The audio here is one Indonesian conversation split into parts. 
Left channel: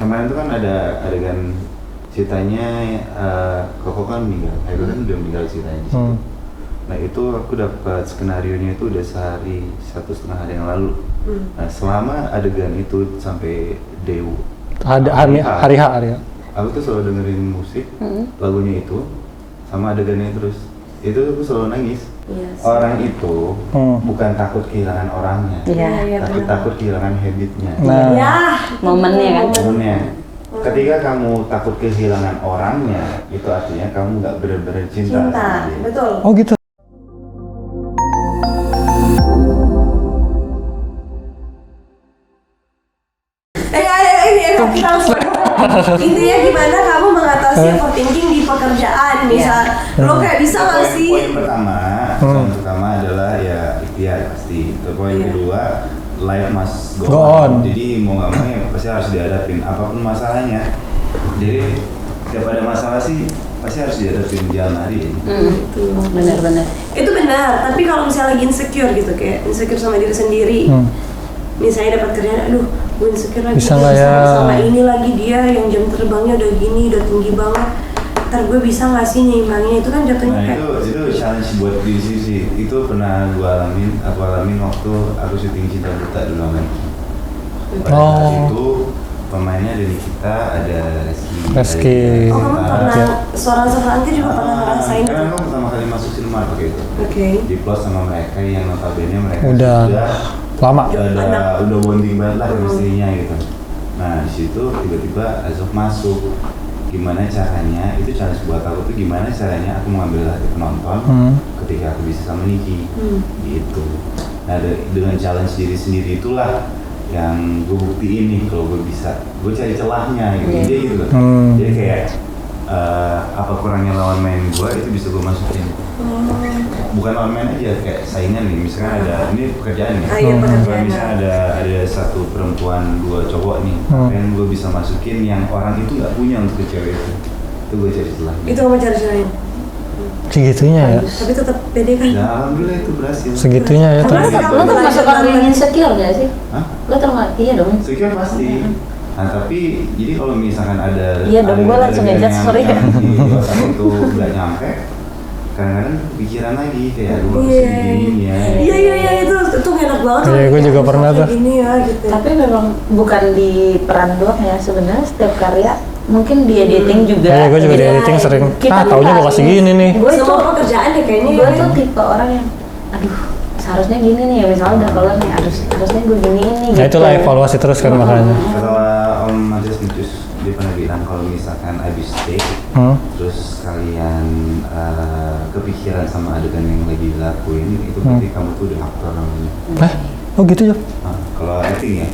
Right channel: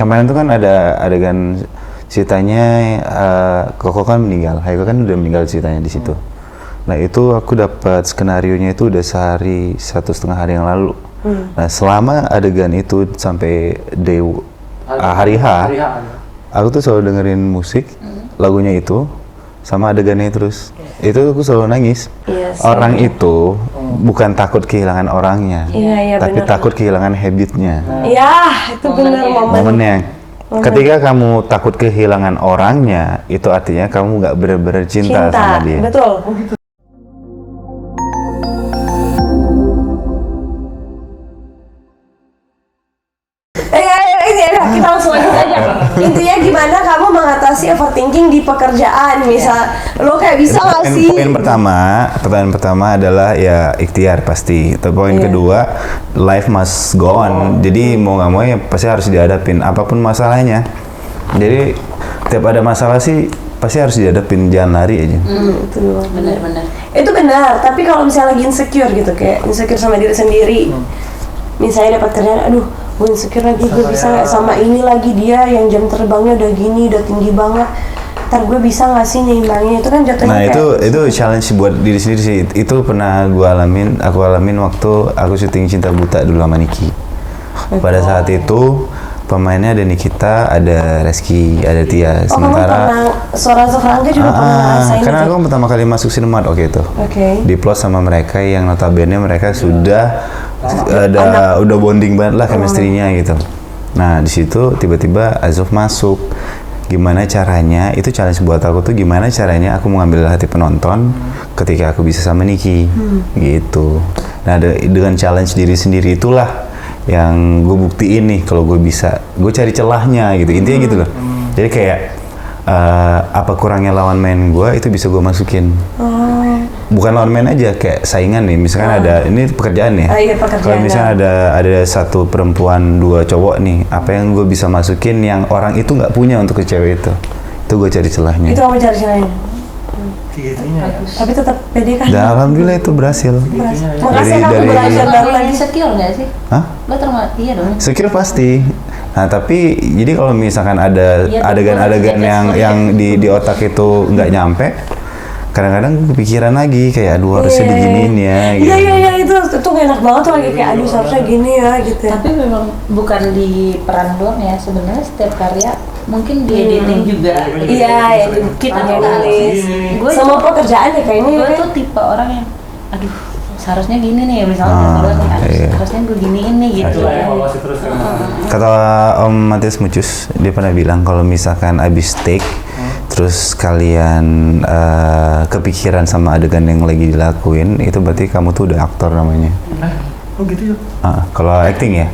kemarin tuh kan ada adegan ceritanya Koko kan meninggal, Haiko kan udah meninggal ceritanya di situ. Nah itu aku dapat skenarionya itu udah sehari 1,5 hari yang lalu. Nah selama adegan itu sampai hari H, aku tuh selalu dengerin musik, lagunya itu, sama adegannya terus. Itu aku selalu nangis. Orang itu bukan takut kehilangan orangnya, tapi takut kehilangan habitnya. Itu momennya. Ketika kamu takut kehilangan orangnya, itu artinya kamu nggak benar-benar cinta sama dia. Betul. Oh gitu. Langsung aja. Intinya gimana kamu mengatasi overthinking di pekerjaan, misal lo kayak bisa nggak sih? Pertanyaan pertama adalah ya ikhtiar pasti. Atau poin kedua, life must go on. Jadi mau nggak mau ya pasti harus dihadapin apapun masalahnya. Jadi tiap ada masalah sih pasti harus dihadapin, jangan lari aja. Itu benar-benar. Itu benar. Tapi kalau misalnya lagi insecure gitu, kayak insecure sama diri sendiri. Misalnya dapat kerjaan, aduh, gue insecure lagi, gue bisa sama ini lagi, dia yang jam terbangnya udah gini, udah tinggi banget. Ntar gue bisa nggak sih nyimbangnya? Itu kan jatuhnya kayak... itu challenge buat diri sendiri sih. Itu pernah aku alamin waktu aku syuting Cinta Buta dulu sama Niki. Pada saat itu pemainnya ada Nikita, ada Reski. Ada Tia. Sementara suara-suara Angga juga pernah ngerasain. Karena aku pertama kali masuk Cinemat waktu itu. Diplot sama mereka yang notabene mereka sudah lama, udah bonding banget lah chemistry-nya gitu. Nah di situ tiba-tiba Azov masuk. Gimana caranya? Itu challenge buat aku tuh, gimana caranya aku mengambil hati penonton ketika aku bisa sama Niki gitu. Nah dengan challenge diri sendiri itulah yang gue buktiin nih kalau gue bisa. Gue cari celahnya gitu, intinya gitu loh. Jadi kayak apa kurangnya lawan main gue itu bisa gue masukin. Bukan lawan main aja, kayak saingan nih, misalkan ada, ini pekerjaan nih. Kalau misalnya ada satu perempuan, 2 cowok nih, apa yang gue bisa masukin yang orang itu nggak punya untuk ke cewek itu gue cari celahnya. Itu apa cari celahnya? Segitunya ya. Tapi tetap pede kan? Dan alhamdulillah itu berhasil. Segitunya ya. Kamu insecure nggak sih? Hah? Lo termasuk, iya dong. Insecure pasti. Nah tapi jadi kalau misalkan ada adegan-adegan yang di otak itu nggak nyampe, kadang-kadang kepikiran lagi kayak aduh harusnya beginiin ya gitu. Iya itu enak banget tuh kayak aduh harusnya gini ya gitu. Tapi memang bukan di peran doang ya, sebenarnya setiap karya mungkin di editing juga. Gue juga di editing sering. Kalau gue kasih gini nih. Semua pekerjaan deh kayaknya. Gue tuh tipe orang yang aduh seharusnya gini nih, misalnya keluar nih harusnya gue giniin nih gitu. Itulah evaluasi terus kan makanya. Kata Om Matius Mucus, dia pernah bilang kalau misalkan abis take terus kalian kepikiran sama adegan yang lagi dilakuin, itu berarti kamu tuh udah aktor namanya. Oh gitu ya? Kalau acting ya?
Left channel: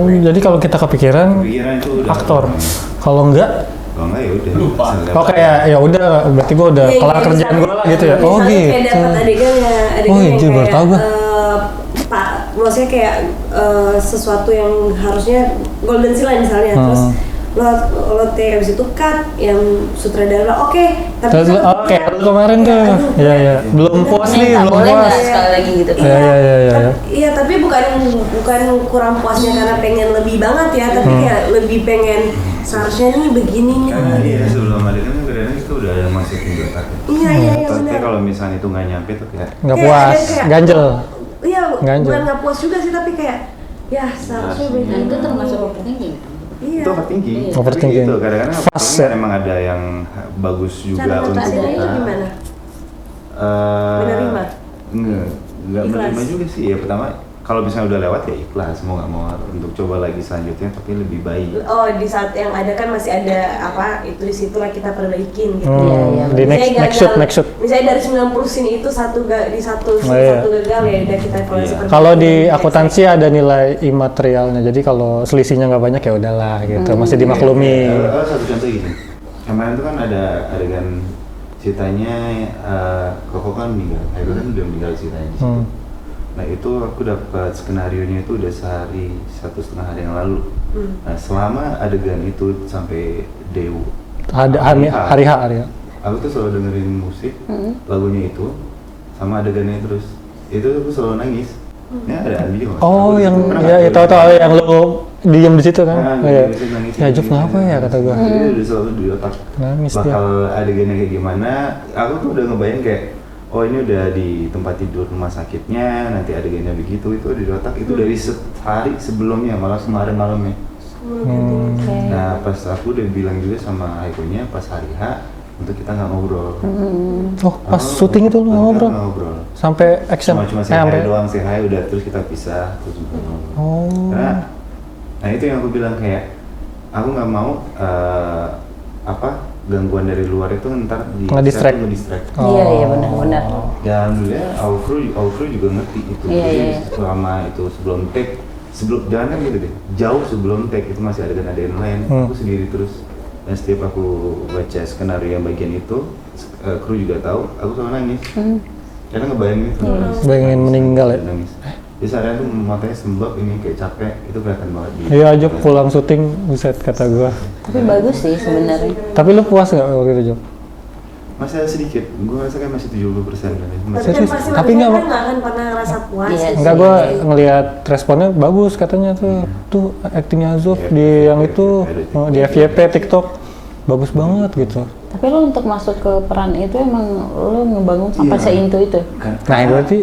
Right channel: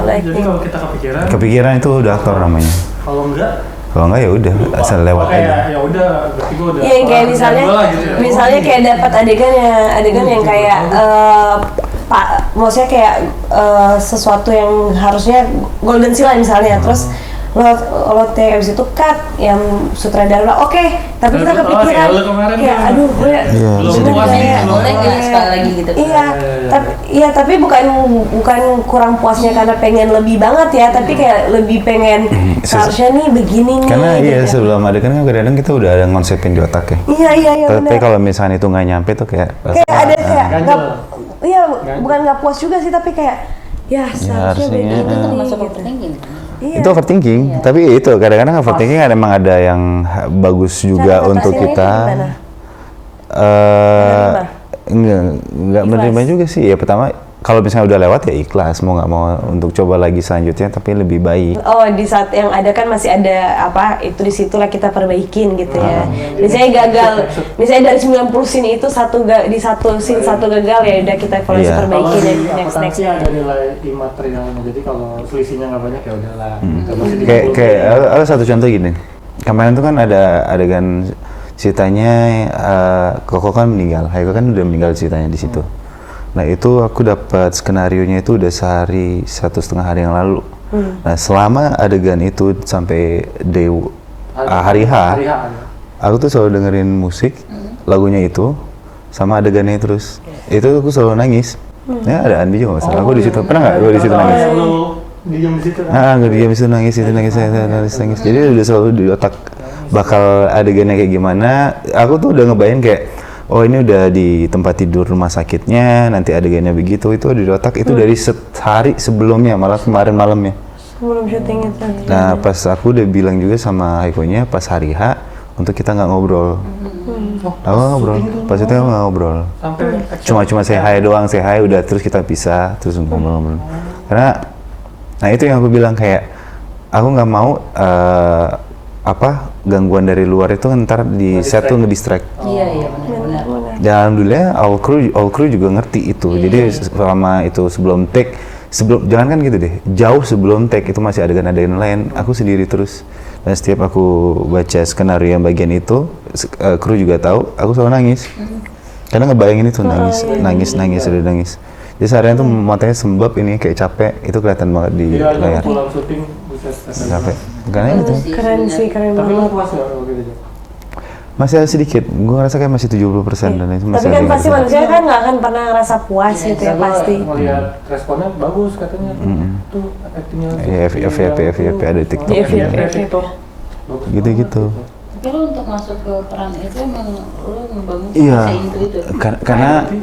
Jadi kalau kita kepikiran itu udah aktor namanya. Kalau enggak ya udah asal lewat. Oke ya udah berarti gue udah kelar kerjaan gue lah gitu ya. Misalnya kayak dapat adegan yang kayak maksudnya kayak sesuatu yang harusnya golden seal misalnya, terus lo abis itu cut yang sutradara oke, tapi kita kepikiran kayak lo kemarin tuh belum puas nih, belum puas sekali lagi gitu. Iya tapi bukan kurang puasnya karena pengen lebih banget ya, tapi kayak lebih pengen harusnya nih begini nih. Karena sebelum adegan kan kadang-kadang kita udah ada ngonsepin di otak ya. Iya tapi kalau misalnya itu nggak nyampe tuh kayak nggak puas, ganjel. Iya bukan nggak puas juga sih, tapi kayak ya seharusnya begini. Itu termasuk overthinking. Itu overthinking, tapi itu kadang-kadang overthinking kan emang ada yang bagus juga untuk kita. Nggak menerima juga sih. Ya pertama kalau misalnya udah lewat ya ikhlas, mau nggak mau untuk coba lagi selanjutnya, tapi lebih baik. Oh di saat yang ada kan masih ada apa itu di situlah kita perbaikin gitu ya. Misalnya gagal, misalnya dari 90 scene itu di satu scene satu gagal ya udah kita evaluasi perbaikin. Kalau di akuntansi ada nilai imaterialnya, jadi kalau selisihnya nggak banyak ya udahlah gitu, masih dimaklumi. Ada satu contoh gini, kemarin tuh kan ada adegan ceritanya Koko kan meninggal, Haiko kan udah meninggal ceritanya di situ. Nah itu aku dapat skenarionya itu udah sehari 1,5 hari yang lalu. Nah selama adegan itu sampai hari H, aku tuh selalu dengerin musik, lagunya itu, sama adegannya terus. Itu aku selalu nangis. Ya ada Andi juga, aku di situ pernah nggak? Tahu yang lu diam di situ kan? Gue diam di situ nangis. Jadi udah selalu di otak bakal adegannya kayak gimana. Aku tuh udah ngebayang kayak, oh ini udah di tempat tidur rumah sakitnya, nanti adegannya begitu, itu di otak itu dari sehari sebelumnya, malah kemarin malamnya. Sebelum syuting itu. Nah pas aku udah bilang juga sama Aikonya pas hari H untuk kita nggak ngobrol. Pas syuting itu pas itu nggak ngobrol. Sampai cuma say hi doang, say hi udah terus kita pisah terus ngobrol. Karena nah itu yang aku bilang kayak aku nggak mau gangguan dari luar itu ntar di set tuh ngedistract. Iya benar. Dan alhamdulillah all crew juga ngerti itu. Jadi selama itu sebelum take, jangan kan gitu deh, jauh sebelum take itu masih adegan-adegan lain, aku sendiri terus. Dan setiap aku baca skenario yang bagian itu, kru juga tahu, aku selalu nangis. Karena ngebayangin itu nangis. Jadi seharian tuh matanya sembab ini kayak capek, itu kelihatan banget di iya aja pulang syuting, buset kata gue. Bagus sih, keren. Tapi lu puas nggak waktu itu, Jom? Masih ada sedikit, gue ngerasa kayak masih 70% dan itu masih. Tapi kan pasti manusia kan nggak akan pernah ngerasa puas sih. Enggak, gue ngelihat responnya bagus katanya tuh aktingnya Azuf di yang itu di FYP TikTok bagus banget gitu. Tapi lo untuk masuk ke peran itu emang lo ngebangun sampai seintu itu? Karena berarti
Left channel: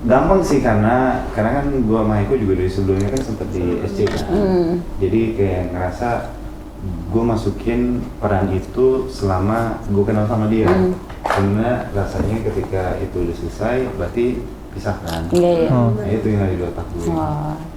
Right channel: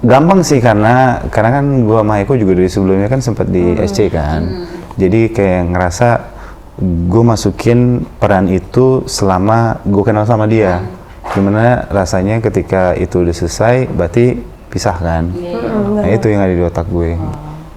gampang sih karena kan gua sama Eko juga dari sebelumnya kan sempat di SC kan. Jadi kayak ngerasa gue masukin peran itu selama gue kenal sama dia. Gimana rasanya ketika itu udah selesai berarti pisah kan. Nah itu yang ada di otak gue.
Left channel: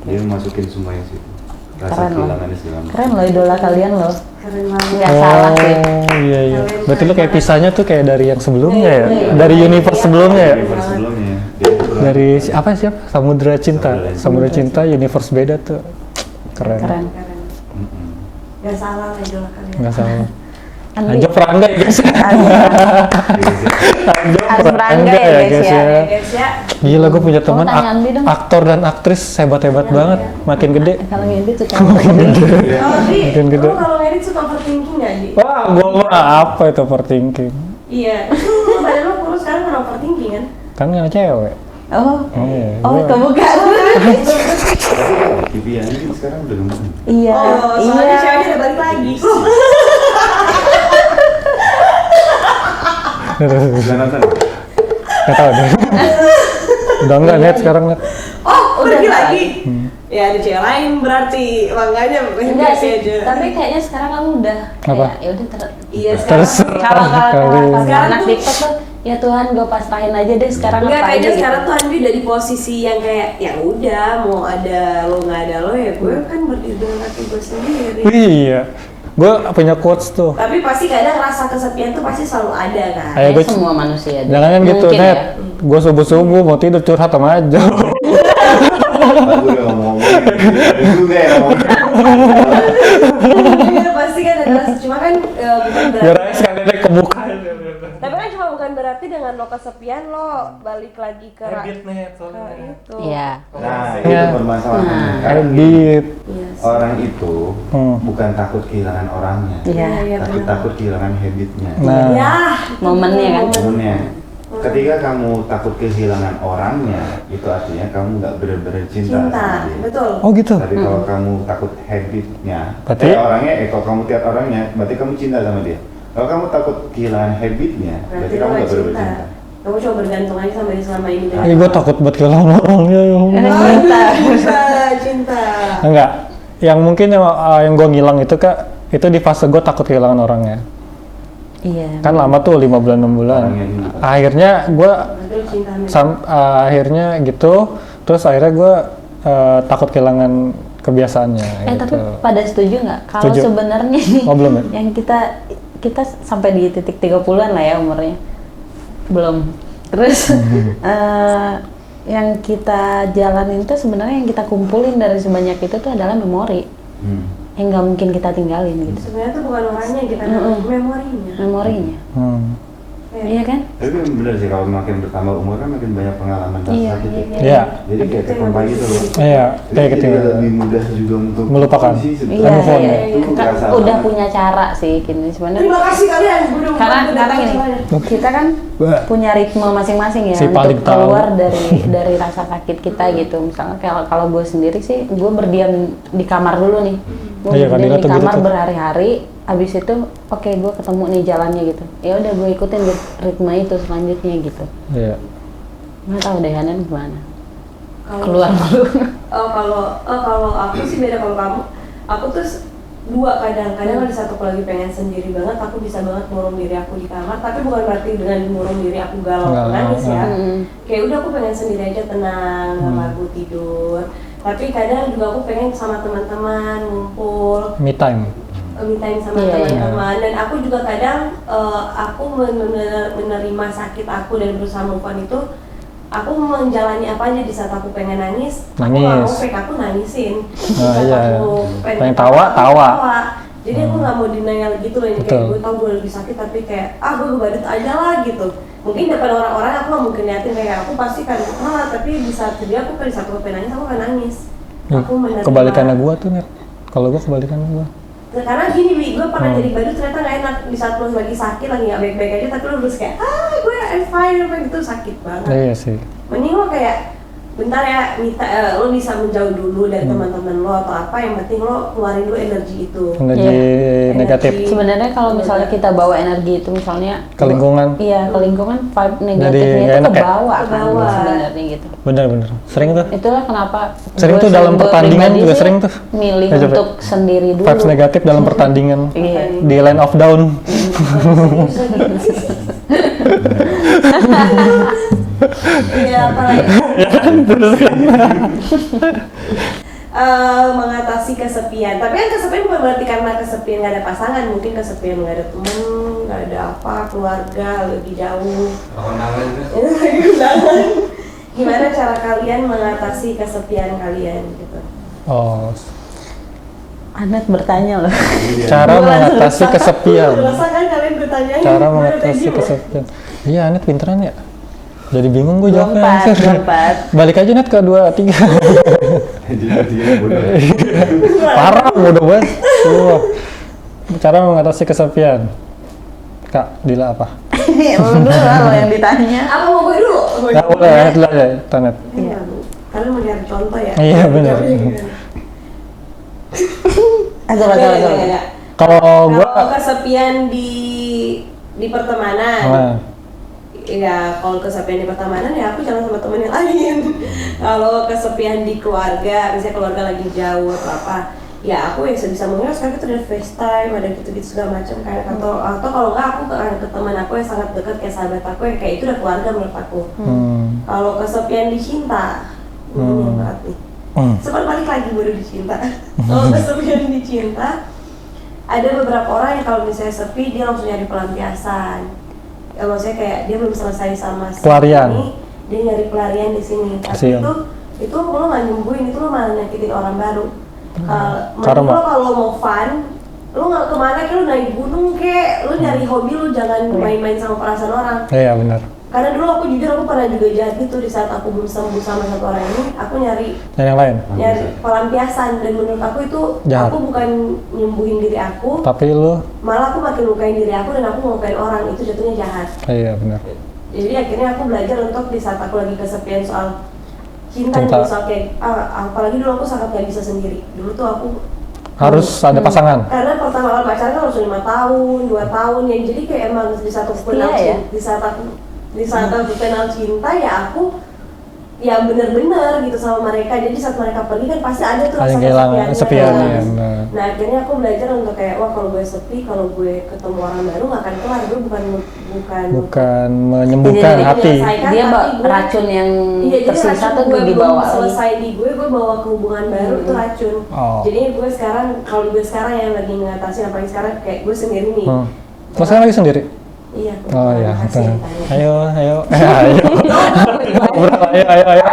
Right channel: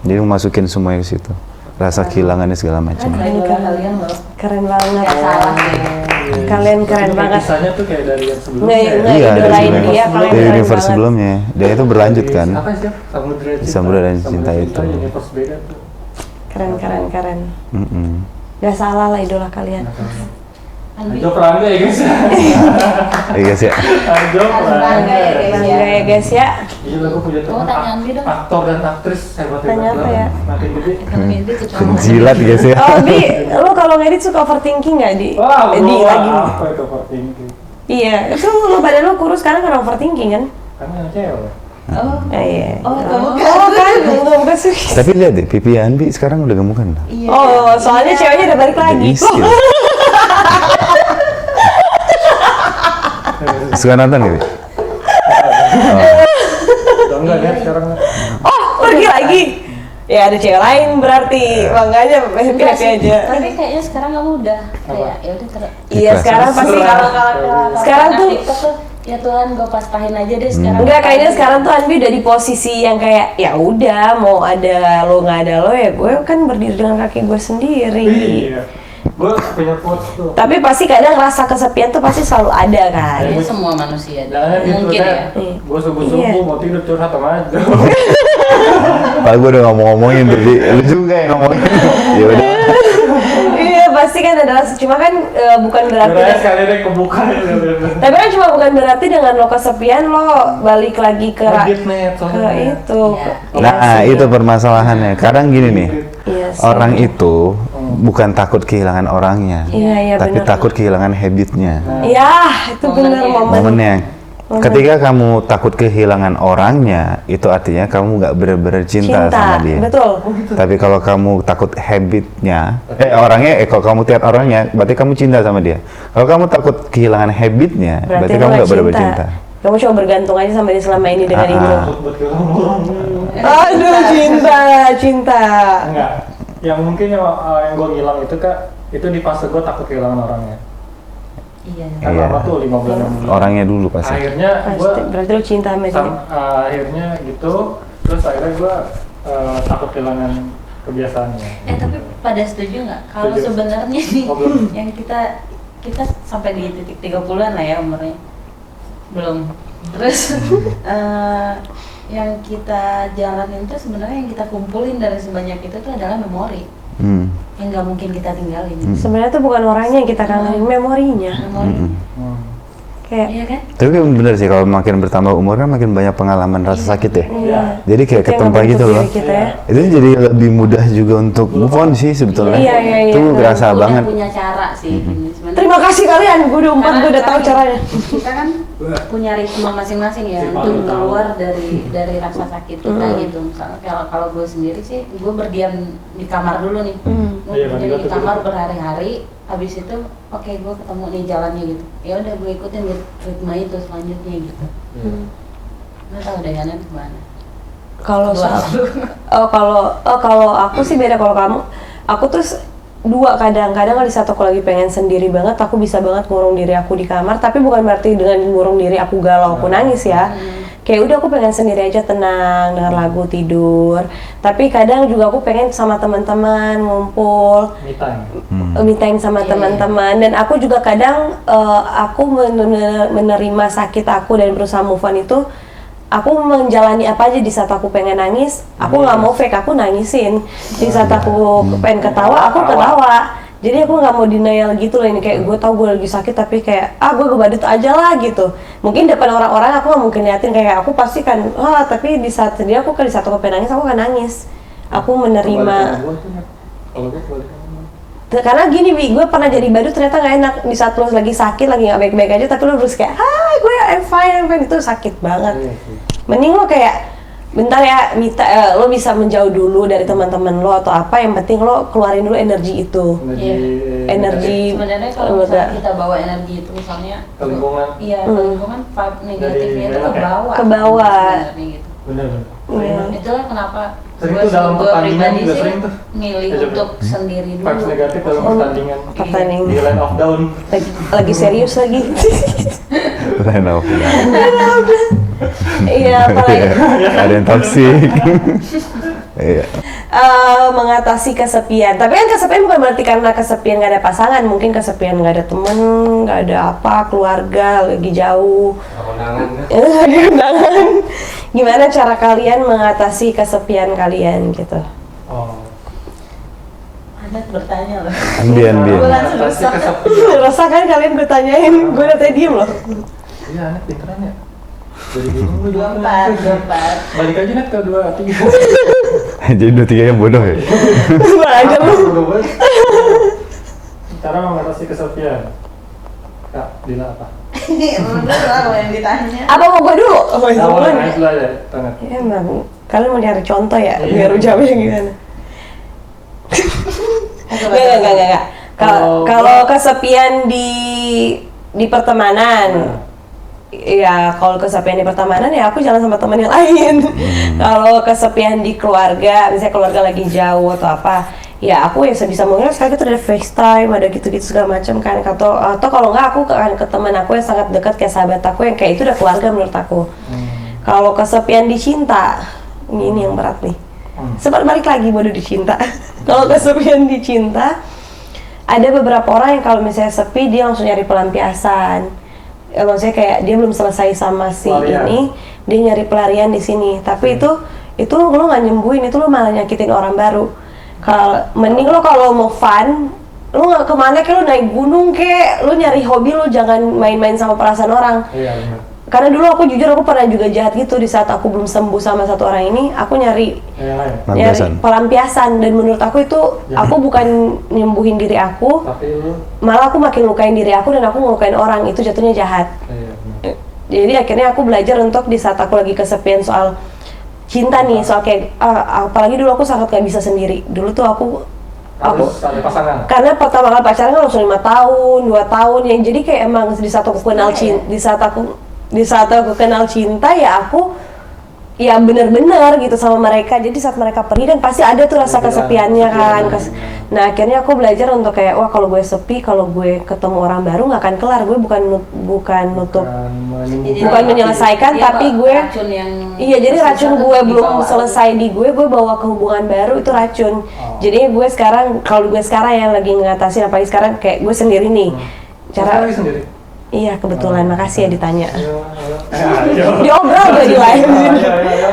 Jadi masukin semuanya di situ. Rasa kehilangannya segala macam. Keren loh idola kalian loh. Keren banget. Nggak salah sih. Iya. Kalian berarti lu kayak pisahnya tuh kayak dari yang sebelumnya ya? Iya, dari universe sebelumnya. Dari universe sebelumnya. Dan itu berlanjut kan. Apa sih? Samudra Cinta, universe beda tuh. Keren. Gak salah lah idola kalian. Gak salah. Ajok Rangga ya guys. Iya guys ya. Ajok Rangga ya guys ya. Gila gue punya teman aktor dan aktris hebat-hebat banget, makin gede. Kalau ngedit sih Gila guys ya. Oh Di, lo kalau ngedit suka overthinking nggak Di? Wah, apa itu overthinking? Iya, itu badan lo kurus sekarang kan overthinking kan? Kan nggak cewek. Oh, iya. Oh, kamu kan? Tapi lihat deh, pipi Andi sekarang udah gemukan. Iya. Oh, soalnya ceweknya udah balik lagi. Suka nonton ya? Udah enggak lihat sekarang. Oh, pergi lagi. Ya ada cewek lain berarti. Makanya happy aja. Tapi kayaknya sekarang kamu udah kayak ya udah iya, sekarang pasti sekarang tuh ya Tuhan gue pasrahin aja deh sekarang. Enggak, kayaknya sekarang tuh Anbi udah di posisi yang kayak ya udah mau ada lo nggak ada lo ya gue kan berdiri dengan kaki gue sendiri. Iya. Gue punya quotes tuh. Tapi pasti kadang rasa kesepian tuh pasti selalu ada kan. Kayak semua manusia. Jangan gitu, Net. Gue subuh-subuh mau tidur curhat sama aja. Pak gue udah gak mau ngomongin berdiri. Lu juga ya ngomongin. Iya pasti kan ada rasa. Cuma kan bukan berarti. Kira-kira sekali deh kebuka. Tapi kan cuma bukan berarti dengan lo kesepian lo balik lagi ke itu. Nah itu permasalahannya. Kadang gini nih. Orang itu bukan takut kehilangan orangnya, tapi takut kehilangan habitnya. Iya, itu momennya. Ketika kamu takut kehilangan orangnya, itu artinya kamu nggak benar-benar cinta sama dia. Betul. Oh gitu. Tapi kalau kamu takut habitnya, kalau kamu lihat orangnya, berarti kamu cinta sama dia. Kalau kamu takut kehilangan habitnya, berarti kamu nggak benar-benar cinta. Kamu cuma bergantung aja sama dia selama ini dengan gue takut buat kehilangan orangnya. Aduh, cinta. Enggak. Yang mungkin yang gue ngilang itu Kak, itu di fase gue takut kehilangan orangnya. Iya. Kan lama tuh 5 bulan 6 bulan. Orangnya dulu pasti. Akhirnya berarti lu cinta sama dia. Akhirnya gitu, terus akhirnya gue takut kehilangan kebiasaannya. Tapi pada setuju nggak? Kalau sebenarnya nih, yang kita sampai di titik 30-an lah ya umurnya. Belum. Terus yang kita jalanin itu sebenarnya yang kita kumpulin dari sebanyak itu tuh adalah memori. Yang nggak mungkin kita tinggalin. Sebenarnya tuh bukan orangnya yang kita kangenin, memorinya. Memorinya. Kayak, iya kan? Tapi bener sih kalau makin bertambah umurnya makin banyak pengalaman rasa sakit ya. Iya. Jadi kayak ketempa gitu loh. Iya. Itu jadi lebih mudah juga untuk move on sih sebetulnya. Iya. Itu kerasa banget. Udah punya cara sih gini sebenarnya. Terima kasih kalian, gue udah tahu caranya. Kita kan punya ritme masing-masing ya untuk keluar dari rasa sakit kita gitu. Misalnya kalau gue sendiri sih, gue berdiam di kamar dulu nih. Gue berdiam di kamar berhari-hari. Abis itu oke, gue ketemu nih jalannya gitu. Ya udah gue ikutin ritme itu selanjutnya gitu. Iya. Nggak tahu deh Hanan gimana. Kalau aku sih beda. Kalau kamu, aku tuh dua, kadang-kadang di saat aku lagi pengen sendiri banget, aku bisa banget ngurung diri aku di kamar. Tapi bukan berarti dengan ngurung diri aku galau, aku nangis ya. Kayak udah aku pengen sendiri aja, tenang, denger lagu, tidur. Tapi kadang juga aku pengen sama teman-teman ngumpul, me time sama teman-teman. Dan aku juga kadang aku menerima sakit aku dan berusaha move on itu. Aku menjalani apa aja di saat aku pengen nangis, aku nggak mau fake, aku nangisin. Di saat aku pengen ketawa, aku ketawa. Jadi aku nggak mau denial gitu loh, ini kayak gue tau gue lagi sakit tapi kayak gue badut aja lah gitu. Mungkin depan orang-orang aku nggak mungkin liatin kayak aku pasti kan, tapi di saat sedih aku kan, di saat aku pengen nangis aku kan nangis. Aku menerima. Kebalikannya gue tuh nggak? Kalau gue kebalikannya gue. Karena gini gue pernah jadi badut ternyata nggak enak. Di saat lo lagi sakit, lagi nggak baik-baik aja, tapi lo terus kayak gue I'm fine, itu sakit banget. Iya sih. Mending lo kayak bentar ya, lo bisa menjauh dulu dari teman-teman lo atau apa, yang penting lo keluarin dulu energi itu. Energi negatif. Sebenarnya kalau misalnya kita bawa energi itu misalnya ke lingkungan. Iya, ke lingkungan vibe negatifnya itu ke bawah. Gitu. Bener. Sering tuh. Itulah kenapa sering tuh dalam pertandingan juga sering tuh. Milih untuk sendiri dulu. Vibes negatif dalam pertandingan. Di line of down. Lagi serius lagi. Iya, apalagi ada yang toksik. Mengatasi kesepian. Tapi kan kesepian bukan berarti karena kesepian nggak ada pasangan, mungkin kesepian nggak ada teman, nggak ada apa, keluarga lagi jauh. Undangan. Gimana cara kalian mengatasi kesepian kalian gitu? Anet bertanya loh. Cara mengatasi kesepian. Terasa kan kalian bertanyain, gue udah tadi loh. Iya, Anet pinteran ya. Jadi bingung gue jawabnya. Balik aja Nat ke 2, 3. Jadi 2, 3 yang bodoh ya? Parah, bodoh banget. Cara mengatasi kesepian. Kak, Dila apa? Udah yang ditanya. Apa mau gue dulu? Ya boleh, Anet dulu aja, Tanet. Kalian mau nyari contoh ya? Iya, jawabnya gimana? Enggak. Kalau kesepian di pertemanan. Ya kalau kesepian di pertemanan ya aku jalan sama teman yang lain. Kalau kesepian di keluarga, misalnya keluarga lagi jauh atau apa, ya aku yang sebisa mungkin sekali itu ada FaceTime, ada gitu-gitu segala macam kan. Atau kalau nggak aku ke teman aku yang sangat dekat kayak sahabat aku yang kayak itu udah keluarga menurut aku. Kalau kesepian di cinta, ini yang berat nih. Sempat balik lagi baru di cinta. Kalau kesepian di cinta, ada beberapa orang yang kalau misalnya sepi dia langsung nyari pelampiasan. Ya, maksudnya kayak dia belum selesai sama si ini, dia nyari pelarian di sini. Tapi itu lo nggak nyembuhin, itu lo malah nyakitin orang baru. Kalau mending lo kalau mau fun, lo nggak kemana kayak lo naik gunung kayak lo nyari hobi, lo jangan main-main sama perasaan orang. Iya benar. Karena dulu aku jujur aku pernah juga jahat gitu di saat aku belum sembuh sama satu orang ini, aku nyari yang lain, pelampiasan. Dan menurut aku itu aku bukan nyembuhin diri aku, tapi malah aku makin lukain diri aku dan aku ngelukain orang, itu jatuhnya jahat. Iya benar. Jadi akhirnya aku belajar untuk di saat aku lagi kesepian soal cinta nih, soal kayak apalagi dulu aku sangat gak bisa sendiri. Dulu tuh aku harus ada pasangan. Karena pertama kali pacaran kan langsung 5 tahun, 2 tahun yang jadi kayak emang di saat aku kenal cinta, di saat aku kenal cinta ya aku ya bener-bener gitu sama mereka. Jadi saat mereka pergi kan pasti ada tuh rasa kesepiannya kan. Nah akhirnya aku belajar untuk kayak wah kalau gue sepi, kalau gue ketemu orang baru nggak akan kelar. Gue bukan menyembuhkan jadi menyelesaikan hati. Tapi gue racun yang jadi racun gue belum selesai di gue bawa ke hubungan baru itu racun. Jadi gue sekarang kalau gue sekarang yang lagi ngatasin apalagi sekarang kayak gue sendiri nih. Saya lagi sendiri. Iya kebetulan, makasih ya ditanya. Ayo. Diobrol gue di lain. Ayo.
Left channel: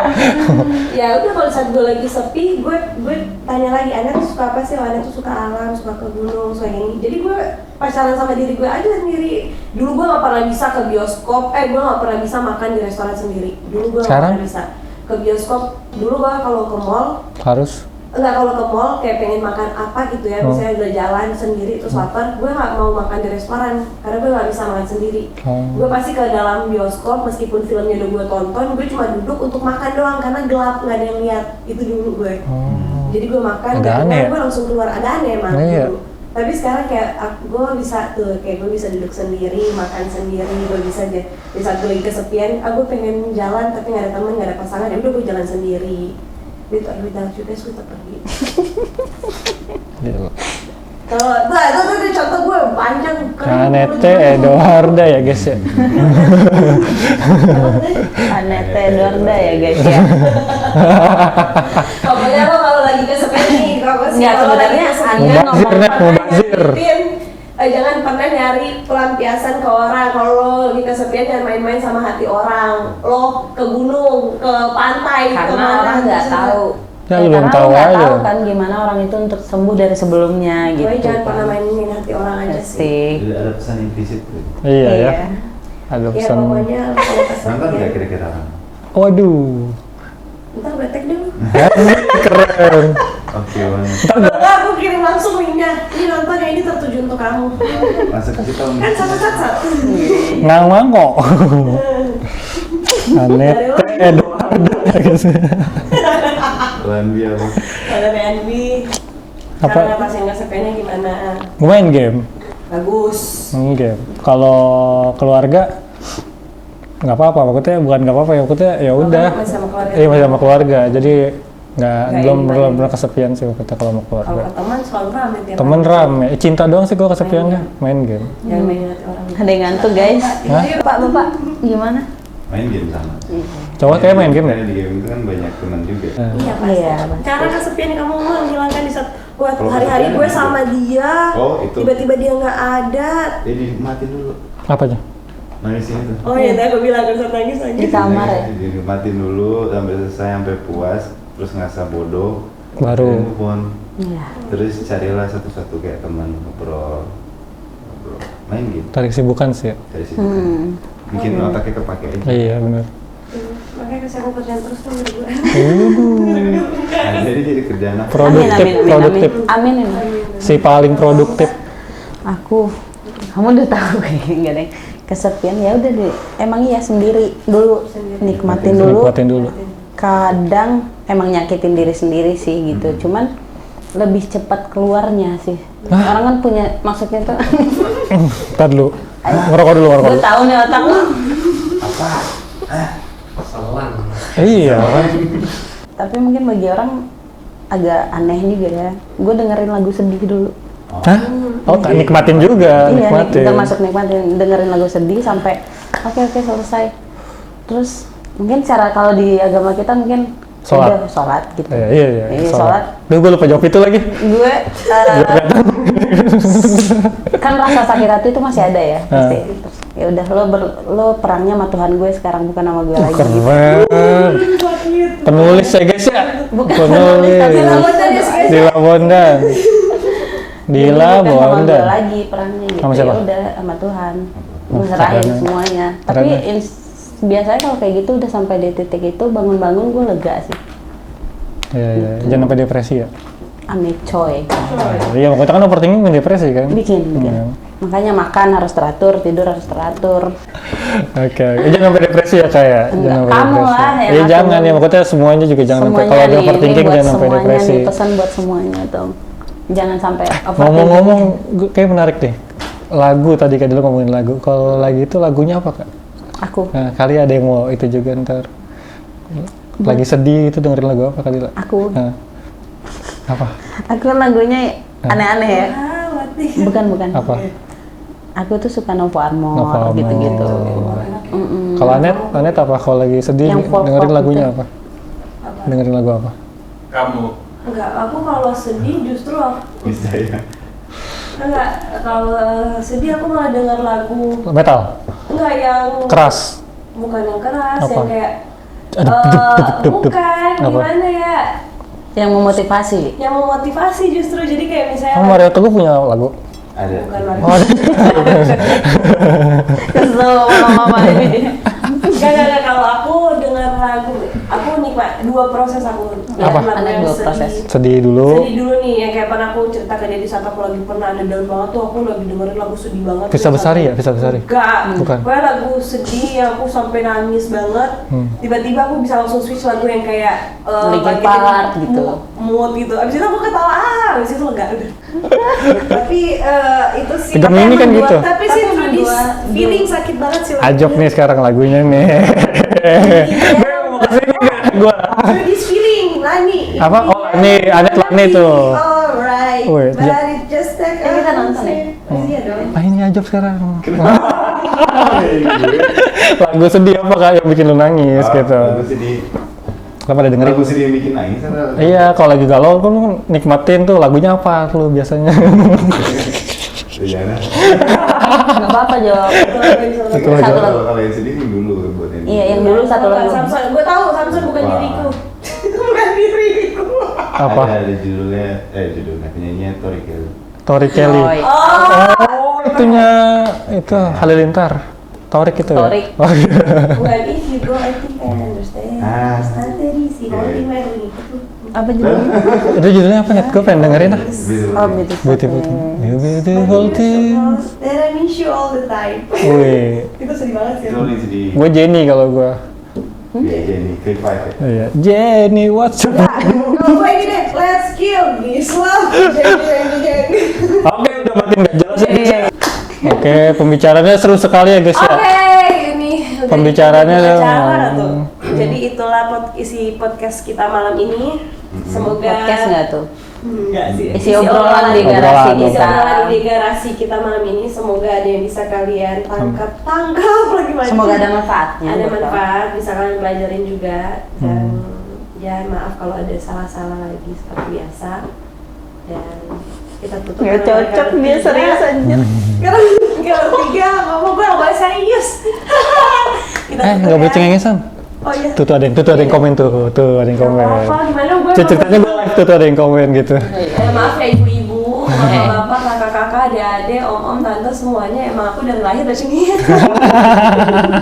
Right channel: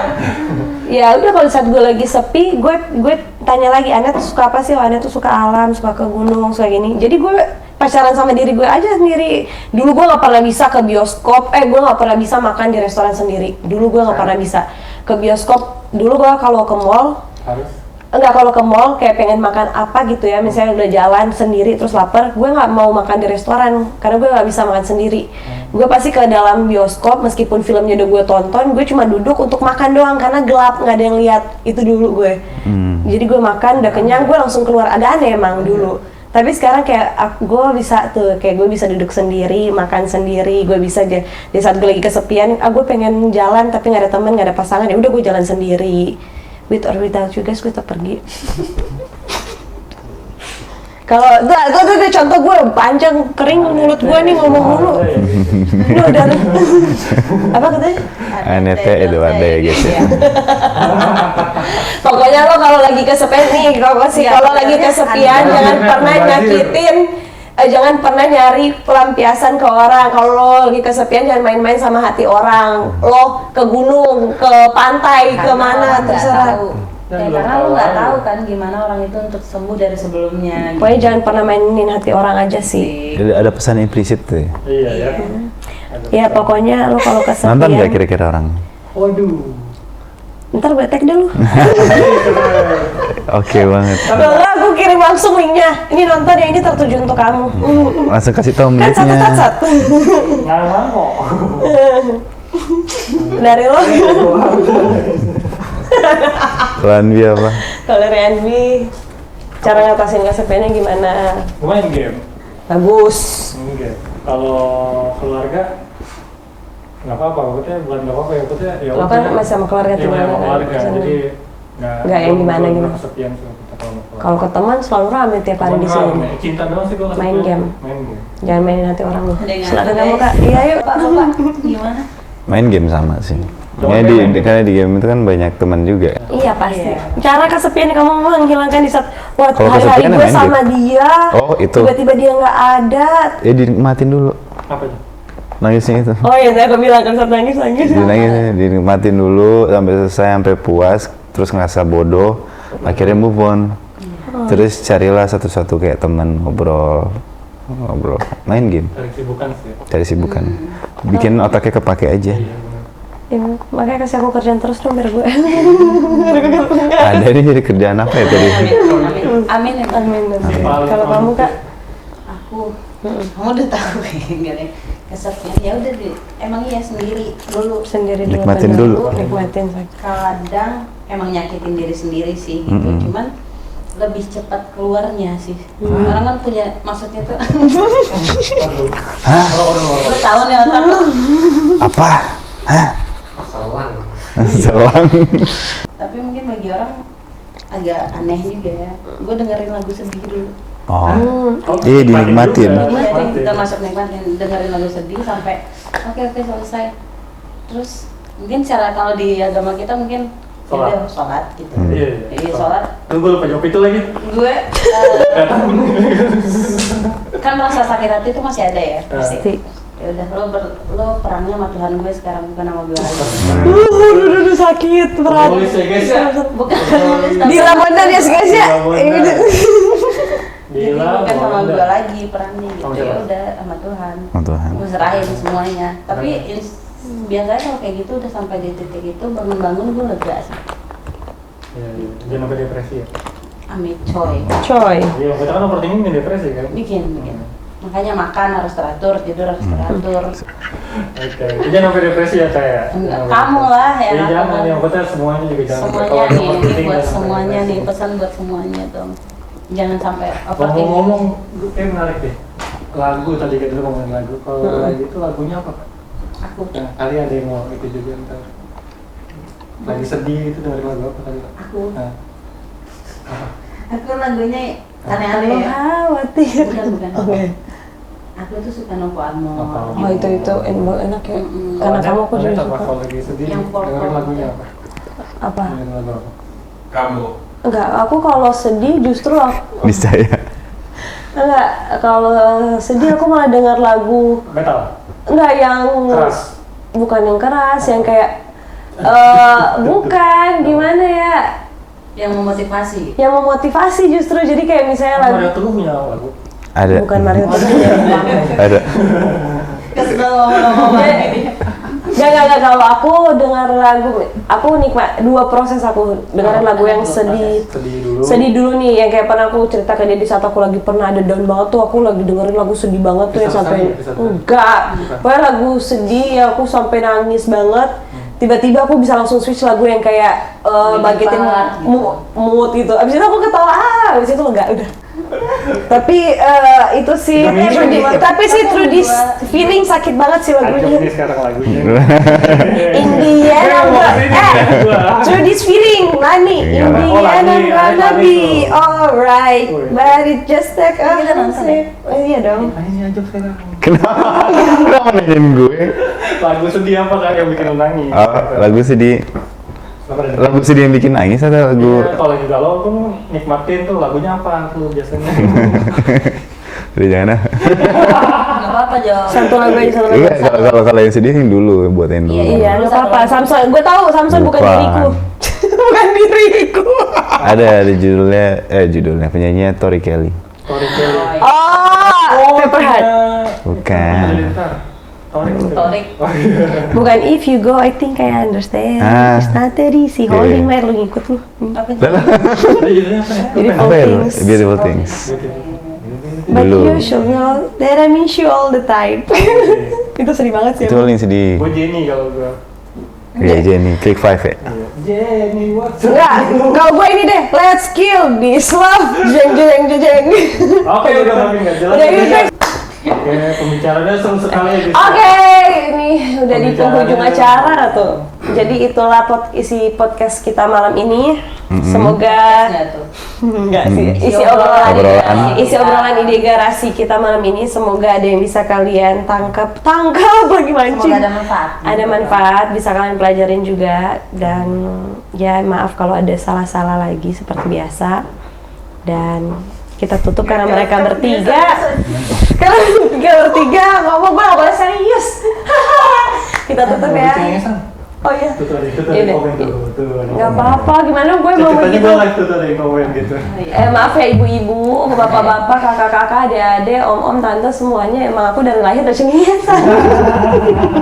Ya udah kalau saat gue lagi sepi, gue ditanya lagi, Anda tuh suka apa sih? Anda tuh suka alam, suka ke gunung, suka gini. Jadi gue pacaran sama diri gue aja sendiri. Dulu gue nggak pernah bisa ke bioskop, gue nggak pernah bisa makan di restoran sendiri. Dulu gue nggak pernah bisa ke bioskop. Dulu gue kalau ke mall kalau ke mall kayak pengen makan apa gitu ya, misalnya udah jalan sendiri terus lapar, gue nggak mau makan di restoran karena gue nggak bisa makan sendiri. Gue pasti ke dalam bioskop meskipun filmnya udah gue tonton, gue cuma duduk untuk makan doang karena gelap, nggak ada yang lihat. Itu dulu gue. Jadi gue makan, udah kenyang gue langsung keluar. Ada aneh emang dulu. Tapi sekarang kayak gue bisa tuh, kayak gue bisa duduk sendiri, makan sendiri, gue bisa di saat gue lagi kesepian, gue pengen jalan tapi nggak ada teman, nggak ada pasangan, ya udah gue jalan sendiri. With or without you guys, gue tetap pergi. Kalau itu contoh gue panjang kering mulut gue nih ngomong. Ada ya guys ya. Apa katanya? Anete Eduarda ya guys. Pokoknya lo kalau lagi kesepian nih, kalau lagi kesepian jangan pernah nyari pelampiasan ke orang. Kalau lo lagi kesepian jangan main-main sama hati orang. Lo ke gunung, ke pantai, kemana terserah. Ya, karena lo nggak tahu kan gimana orang itu untuk sembuh dari sebelumnya. Pokoknya jangan pernah mainin hati orang aja sih. Jadi ada pesan implisit tuh. Iya ya. Ya pokoknya lo kalau kesepian. Nonton nggak kira-kira orang? Waduh. Ntar gue tag dulu. Keren. Oke banget. Kalau aku kirim langsung linknya. Ini nonton ya, ini tertuju untuk kamu. Langsung kasih tahu Kan satu. Nggak mau. Dari lo. Ranbi apa? Kalau Ranbi, cara ngatasin kesepiannya gimana? Main game. Bagus. Main game. Kalau keluarga nggak apa-apa, maksudnya bukan nggak apa-apa ya, maksudnya ya udah. Masih sama keluarga. Iya masih sama keluarga, jadi belum kesepian sih kita kalau sama keluarga. Kalau ke teman selalu rame tiap hari. Temen rame, cinta doang sih gue kesepian. Main game. Jangan mainin hati orang. Ada yang ngantuk guys. Iya yuk Pak, Gimana? Main game sama sih. Coba main game. Karena di game itu kan banyak teman juga. Iya pasti. Cara kesepian kamu menghilangkan di saat hari-hari kesepian gue sama dia. Oh itu. Tiba-tiba dia nggak ada. Dinikmatin dulu. Apanya? Nangisnya itu. Oh iya, aku bilang kan saat nangis. Dinikmatin dulu sampai selesai, sampai puas, terus ngerasa bodoh, akhirnya move on. Terus carilah satu-satu kayak teman ngobrol, main game. Cari kesibukan sih. Cari kesibukan. Bikin otaknya kepake aja. Iya benar. Makanya kasih aku kerjaan terus dong biar gue. Ada nih jadi kerjaan apa ya? Produktif. Amin. Si paling produktif. Aku, kamu udah tahu enggak deh. Kesepian ya udah deh, emang iya sendiri dulu, nikmatin dulu. Kadang emang nyakitin diri sendiri sih gitu, cuman lebih cepat keluarnya sih. Orang kan punya, maksudnya tuh Ntar dulu, ngerokok dulu. Lu tahu nih otak lu apa? Sawan. Iya. Tapi mungkin bagi orang agak aneh juga ya, gue dengerin lagu sedih dulu. Nikmatin juga. Iya, kita masuk nikmatin, dengerin lagu sedih sampai oke selesai. Terus mungkin cara kalau di agama kita mungkin sholat gitu. Iya. Sholat. Duh, gue lupa jawab itu lagi. Gue kan rasa sakit hati itu masih ada ya. Pasti. Ya udah lo perangnya sama Tuhan gue sekarang, bukan sama gue lagi. Sakit. Penulis ya guys ya. Bukan. Dila Bondan ya guys ya. Dila Bondan. Bukan sama gue lagi perangnya gitu. Ya udah sama Tuhan. Serahin semuanya. Tapi biasanya kalau kayak gitu udah sampai di titik itu bangun-bangun gue lega sih. Iya. Jangan sampai depresi ya. Amit coy. Iya, kita kan overthinking depresi kan. Bikin. Makanya makan harus teratur, tidur harus teratur. Oke. Jangan sampai depresi ya kayak. Kamu lah ya. Iya jangan ya, maksudnya semuanya juga jangan sampai kalau ada overthinking jangan sampai depresi. Pesan buat semuanya tuh. Jangan sampai overthinking. Ngomong-ngomong, kayak menarik deh. Lagu tadi kan dulu ngomongin lagu. Kalau lagi itu lagunya apa kak? Aku. Nah, kali ada yang mau itu juga ntar. Lagi sedih itu dengerin lagu apa kali? Aku. Nah. Apa? Aku aneh-aneh ya. Bukan. Apa? Aku tuh suka Novo Armor gitu. Enak ya. Kalau Anet apa? Kalau lagi sedih dengerin lagunya apa? Apa? Dengerin lagu apa? Kamu. Enggak, aku kalau sedih justru Bisa ya. Enggak, kalau sedih aku malah denger lagu Metal? enggak yang Keras? Bukan yang keras, apa? yang kayak bukan, gimana ya? Yang memotivasi. Yang memotivasi justru, jadi kayak misalnya Mario Teguh punya lagu? Ada. Bukan Mario Teguh. Ada. Kesel mama ini. Gak, kalau aku dengar lagu, aku nikmat dua proses aku dengar lagu yang sedih. Sedih dulu nih, yang kayak pernah aku cerita ke dia di saat aku lagi pernah ada down banget tuh, aku lagi dengerin lagu sedih banget. Bisa Besari ya? Bisa Besari? Enggak, pokoknya lagu sedih yang aku sampai nangis banget. Tiba-tiba aku bisa langsung switch lagu yang kayak bagian mood gitu. Abis itu aku ketawa, abis itu enggak, udah. Tapi itu sih, tapi sih through this feeling sakit banget sih lagunya. Ajok nih sekarang lagunya nih. Through this feeling, Lani. Apa? Oh, Lani, ada Lani tuh. Alright, but it just take iya dong. Ini Ajok sekarang. Kenapa gue? Lagu sedih apa kak yang bikin lu nangis? Gitu. Lagu sedih. Lagu sedih yang bikin nangis atau lagu? Iya, kalau lagi galau kan nikmatin tuh lagunya apa tuh biasanya? Jangan. Nggak apa-apa Jo. Kalau yang sedih dulu buatin dulu. Iya, dulu apa? Samson, gue tahu Samson bukan diriku. Bukan diriku. Ada judulnya penyanyinya Tori Kelly. Tori Kelly. Pepperhead. Itu Halilintar. Torik itu. Torik. Bukan If You Go, I Think I Understand. It's not that easy. Holding me, lu ngikut lu. Apa judulnya? Itu judulnya apa? Beautiful Things. Beautiful Things. But you should know that I miss you all the time. Itu sedih banget sih. Itu paling sedih. Gue Jenny kalau gue. Iya Jenny, Click 5 ya? Iya. Jenny, what's your name? Kalau gue ini deh, let's kill this love. Jeng. Oke, udah makin gak jelas. Oke, pembicaraannya seru sekali ya guys. Oke, ini udah pembicaraannya acara tuh. Jadi itulah isi podcast kita malam ini. Semoga podcast nggak tuh? Enggak sih. Isi obrolan ide garasi kita malam ini. Semoga ada yang bisa kalian tangkap lagi mancing. Semoga ada manfaat. Ada manfaat, bisa kalian pelajarin juga. Dan ya maaf kalau ada salah-salah lagi seperti biasa. Dan kita tutup karena mereka bertiga. Kalau bertiga ngomong gue gak boleh serius. Kita tutup ya. Gak cengengesan. Oh iya. Tuh ada yang komen tuh ada yang komen. Gak apa-apa, gimana gue ceritanya gue live tuh ada yang komen gitu. Maaf ya ibu-ibu, bapak-bapak, kakak-kakak, adik-adik, om-om, tante semuanya emang aku dari lahir udah cengengesan.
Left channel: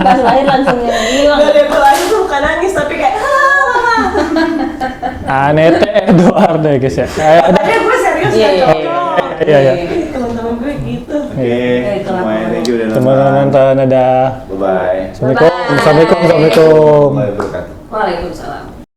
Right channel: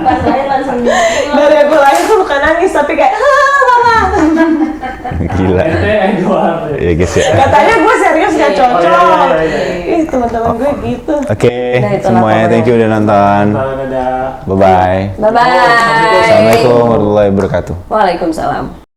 Pas lahir langsung nangis. Dari aku lahir tuh bukan nangis tapi kayak Nete Edward deh guys. Katanya gue serius gak cocok. Iya. Teman-teman gue gitu. Oke, semuanya thank you udah nonton. Dadah. Bye-bye. Bye-bye. Assalamualaikum warahmatullahi wabarakatuh. Waalaikumsalam.